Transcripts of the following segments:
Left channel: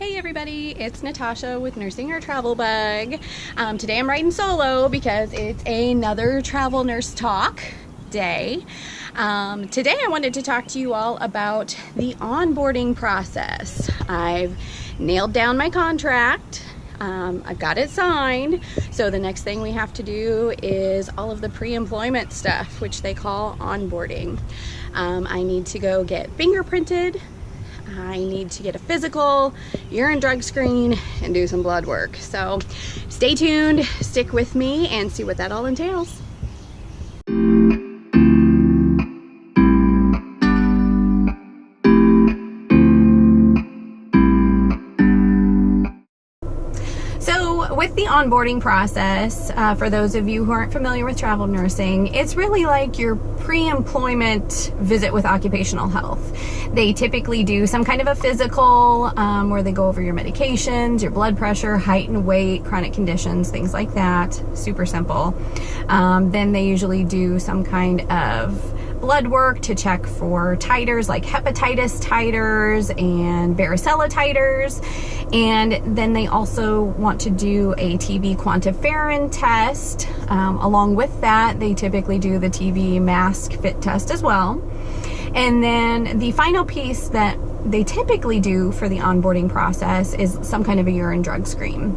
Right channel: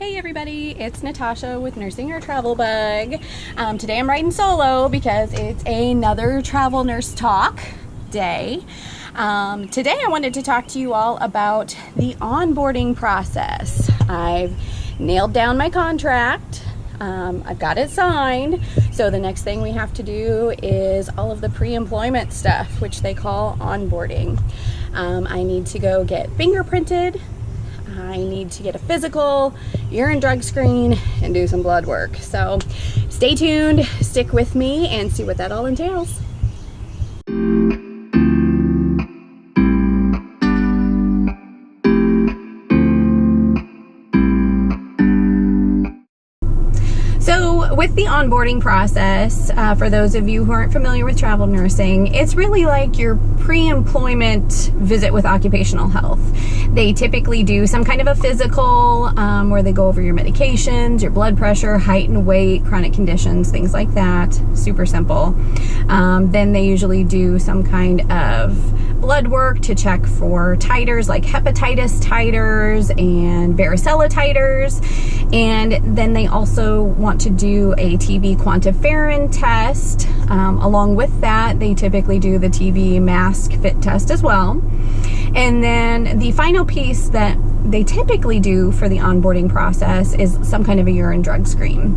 Hey everybody, it's Natasha with Nursing Your Travel Bug. Today I'm riding solo because it's another travel nurse talk day. Today I wanted to talk to you all about the onboarding process. I've nailed down my contract. I've got it signed. So the next thing we have to do is all of the pre-employment stuff, which they call onboarding. I need to go get fingerprinted. I need to get a physical, urine drug screen, and do some blood work. So stay tuned, stick with me, and see what that all entails. So with the onboarding process, for those of you who aren't familiar with travel nursing, it's really like your pre-employment visit with occupational health. They typically do some kind of a physical where they go over your medications, your blood pressure, height and weight, chronic conditions, things like that. Super simple. Then they usually do some kind of blood work to check for titers like hepatitis titers and varicella titers. And then they also want to do a TB quantiferin test. Along with that, they typically do the TB mask fit test as well. And then the final piece that they typically do for the onboarding process is some kind of a urine drug screen.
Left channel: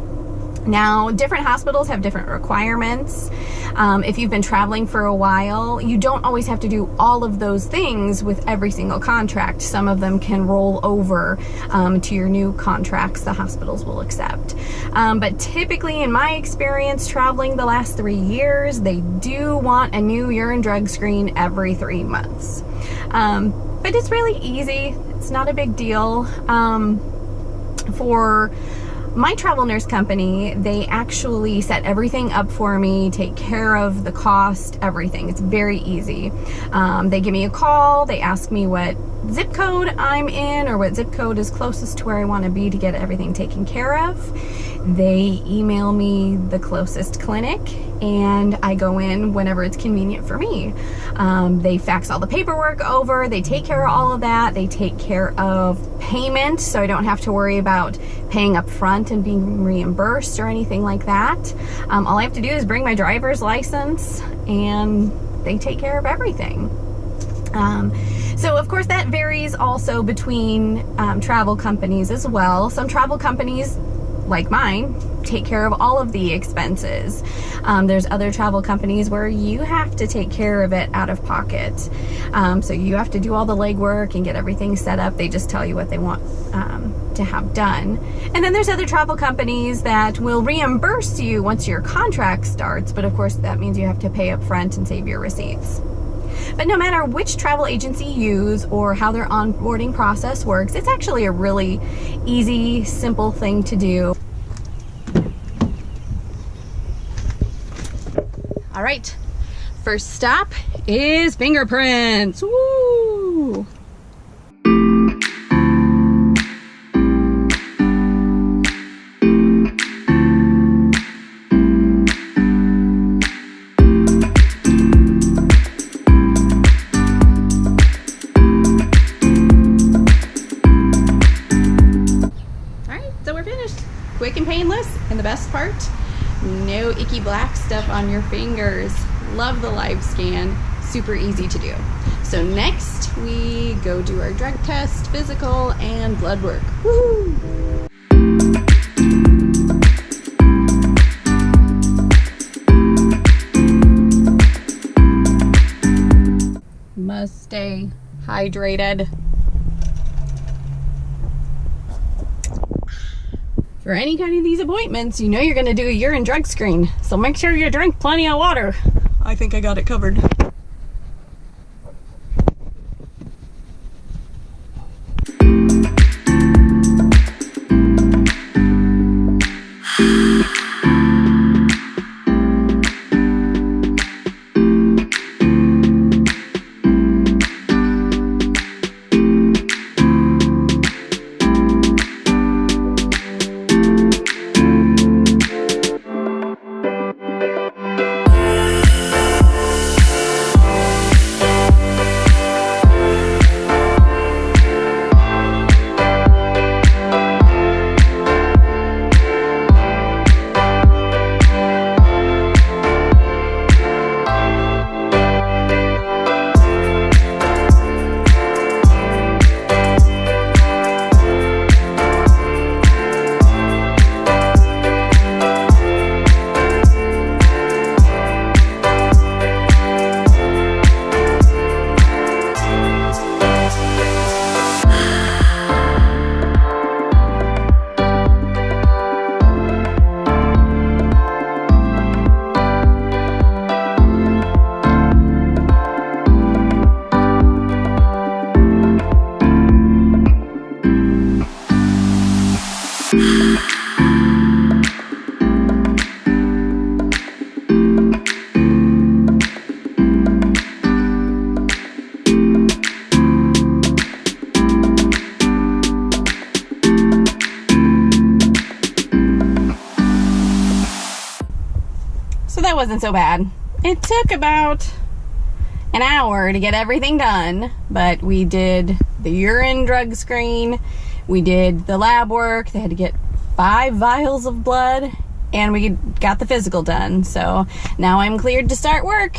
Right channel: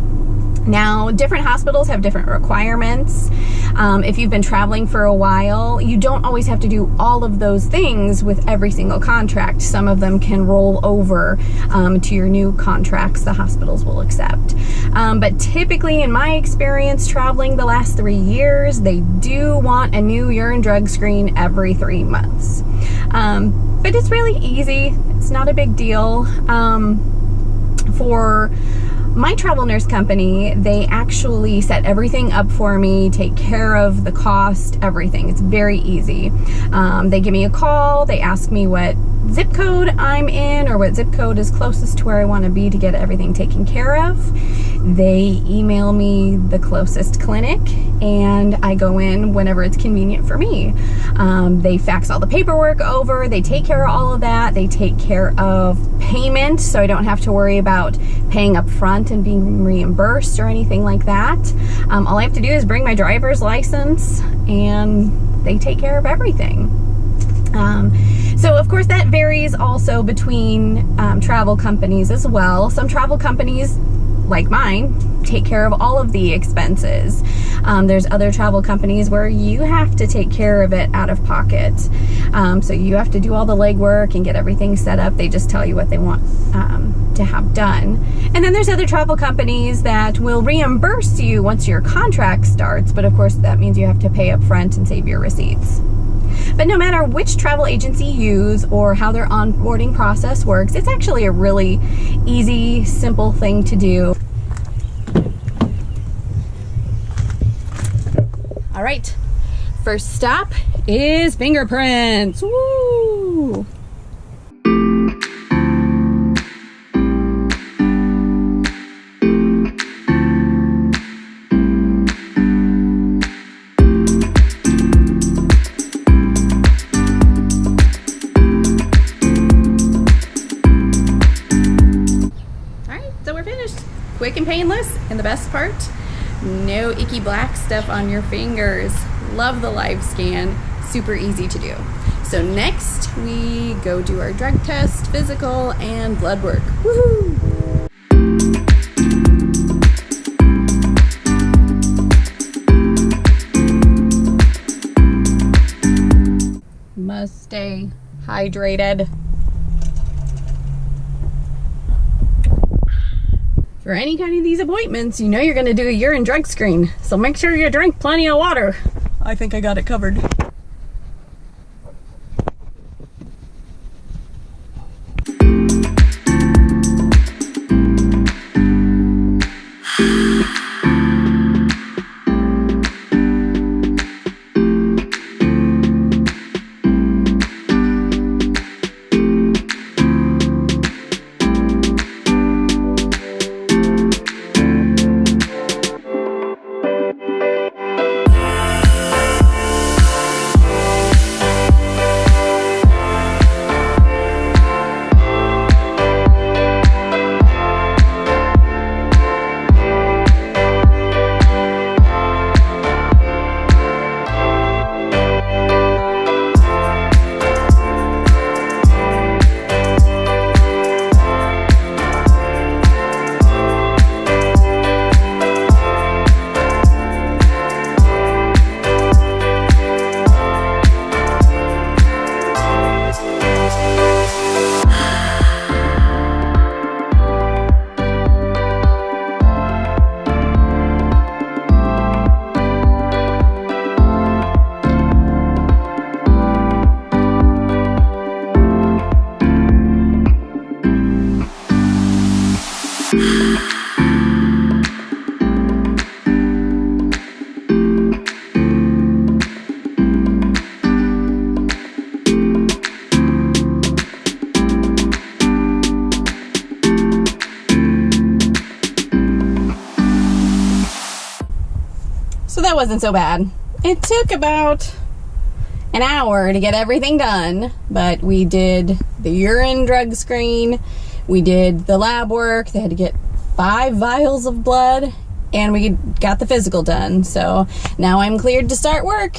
Now, different hospitals have different requirements. If you've been traveling for a while, you don't always have to do all of those things with every single contract. Some of them can roll over to your new contracts the hospitals will accept. But typically, in my experience traveling the last 3 years, they do want a new urine drug screen every 3 months. But it's really easy. It's not a big deal. For my travel nurse company, they actually set everything up for me, take care of the cost, everything. It's very easy. They give me a call, they ask me what zip code I'm in or what zip code is closest to where I want to be to get everything taken care of. They email me the closest clinic and I go in whenever it's convenient for me. They fax all the paperwork over, they take care of all of that, they take care of payment so I don't have to worry about paying up front and being reimbursed or anything like that. All I have to do is bring my driver's license and they take care of everything. So of course that varies also between travel companies as well. Some travel companies, like mine, take care of all of the expenses. There's other travel companies where you have to take care of it out of pocket. So you have to do all the legwork and get everything set up. They just tell you what they want to have done. And then there's other travel companies that will reimburse you once your contract starts, but of course that means you have to pay up front and save your receipts. But no matter which travel agency you use or how their onboarding process works, it's actually a really easy, simple thing to do. All right, first stop is fingerprints. Woo! Quick and painless, and the best part, no icky black stuff on your fingers. Love the live scan, super easy to do. So next we go do our drug test, physical, and blood work. Woohoo! Must stay hydrated. For any kind of these appointments, you know you're going to do a urine drug screen, so make sure you drink plenty of water. I think I got it covered. So that wasn't so bad. It took about an hour to get everything done, but we did the urine drug screen, we did the lab work, they had to get 5 vials of blood, and we got the physical done. So now I'm cleared to start work.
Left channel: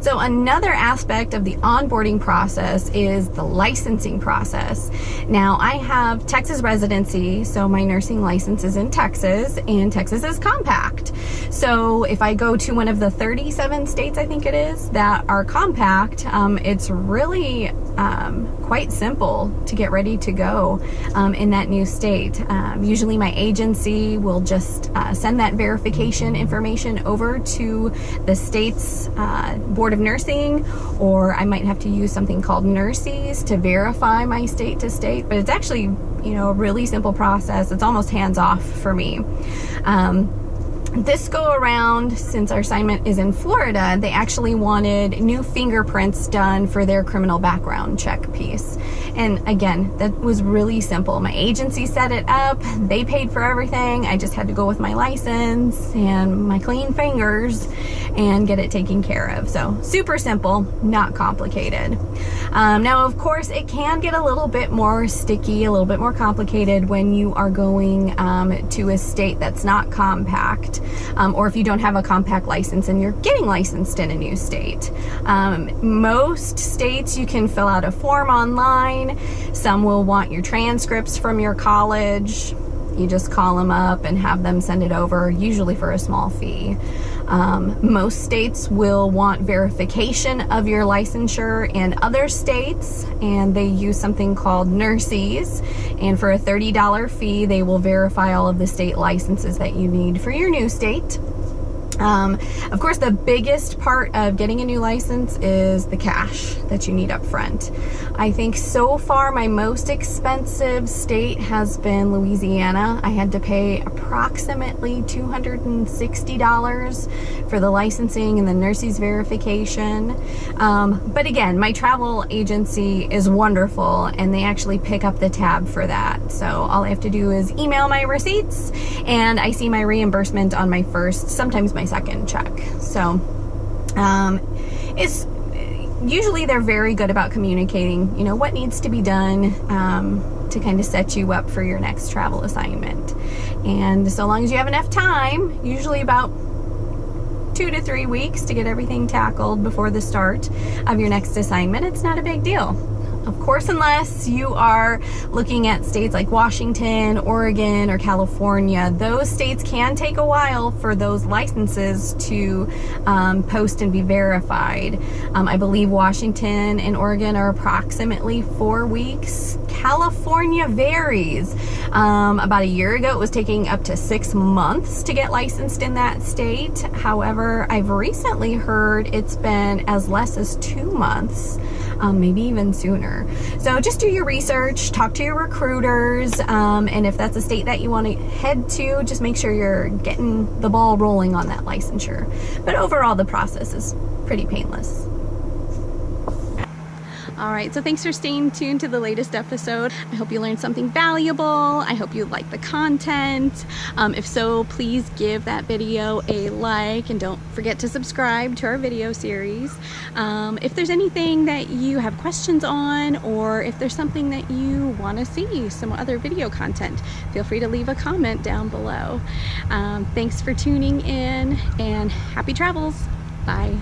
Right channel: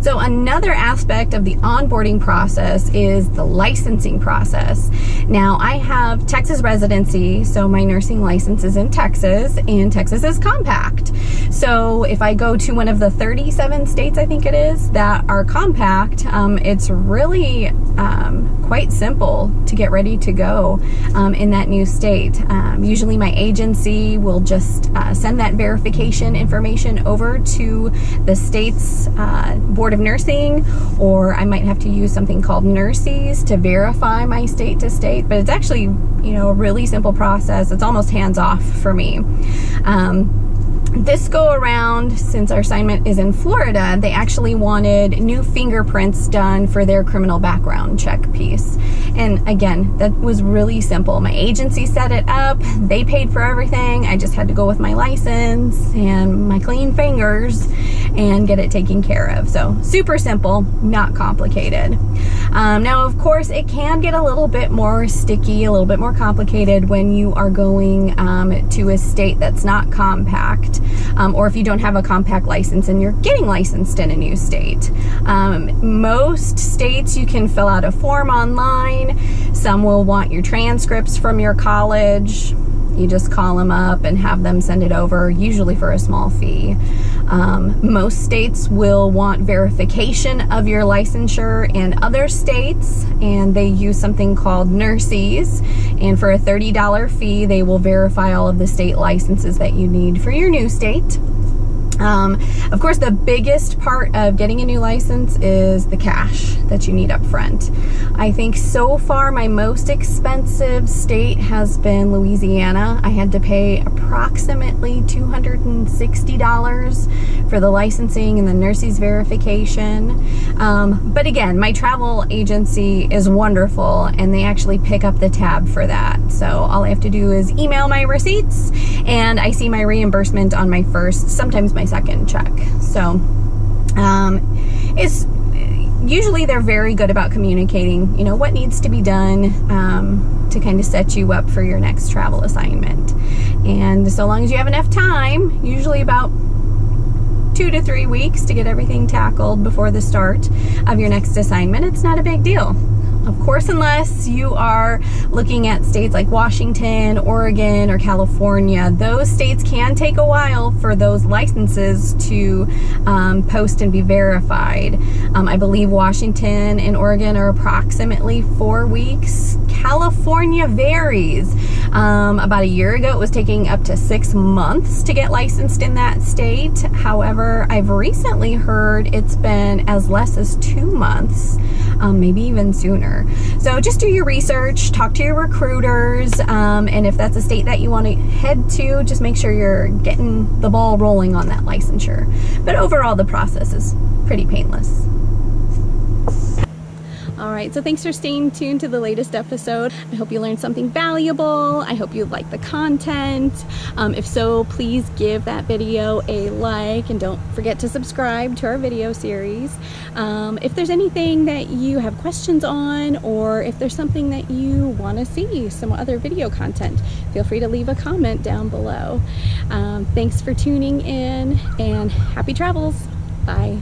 So another aspect of the onboarding process is the licensing process. Now I have Texas residency, so my nursing license is in Texas, and Texas is compact. So if I go to one of the 37 states, I think it is, that are compact, it's really quite simple to get ready to go in that new state. Usually my agency will just send that verification information over to the state's Board of Nursing, or I might have to use something called Nurses to verify my state to state, but it's actually, you know, a really simple process. It's almost hands-off for me. This go around, since our assignment is in Florida, they actually wanted new fingerprints done for their criminal background check piece. And again, that was really simple. My agency set it up, they paid for everything. I just had to go with my license and my clean fingers and get it taken care of. So super simple, not complicated. Now, of course, it can get a little bit more sticky, a little bit more complicated when you are going to a state that's not compact. Or if you don't have a compact license and you're getting licensed in a new state. Most states you can fill out a form online. Some will want your transcripts from your college. You just call them up and have them send it over, usually for a small fee. Most states will want verification of your licensure in other states, and they use something called Nurses, and for a $30 fee they will verify all of the state licenses that you need for your new state. Of course, the biggest part of getting a new license is the cash that you need up front. I think so far my most expensive state has been Louisiana. I had to pay approximately $260 for the licensing and the nurses verification. But again, my travel agency is wonderful and they actually pick up the tab for that. So all I have to do is email my receipts and I see my reimbursement on my first, sometimes my second check. So it's usually they're very good about communicating, you know, what needs to be done to kind of set you up for your next travel assignment. And so long as you have enough time, usually about 2 to 3 weeks to get everything tackled before the start of your next assignment, it's not a big deal. Of course, unless you are looking at states like Washington, Oregon, or California, those states can take a while for those licenses to post and be verified. I believe Washington and Oregon are approximately 4 weeks. California varies. About a year ago, it was taking up to 6 months to get licensed in that state. However, I've recently heard it's been as less as 2 months. Maybe even sooner. So just do your research, talk to your recruiters, and if that's a state that you want to head to, just make sure you're getting the ball rolling on that licensure. But overall, the process is pretty painless. All right, so thanks for staying tuned to the latest episode. I hope you learned something valuable. I hope you like the content. If so, please give that video a like and don't forget to subscribe to our video series. If there's anything that you have questions on, or if there's something that you want to see, some other video content, feel free to leave a comment down below. Thanks for tuning in and happy travels. Bye.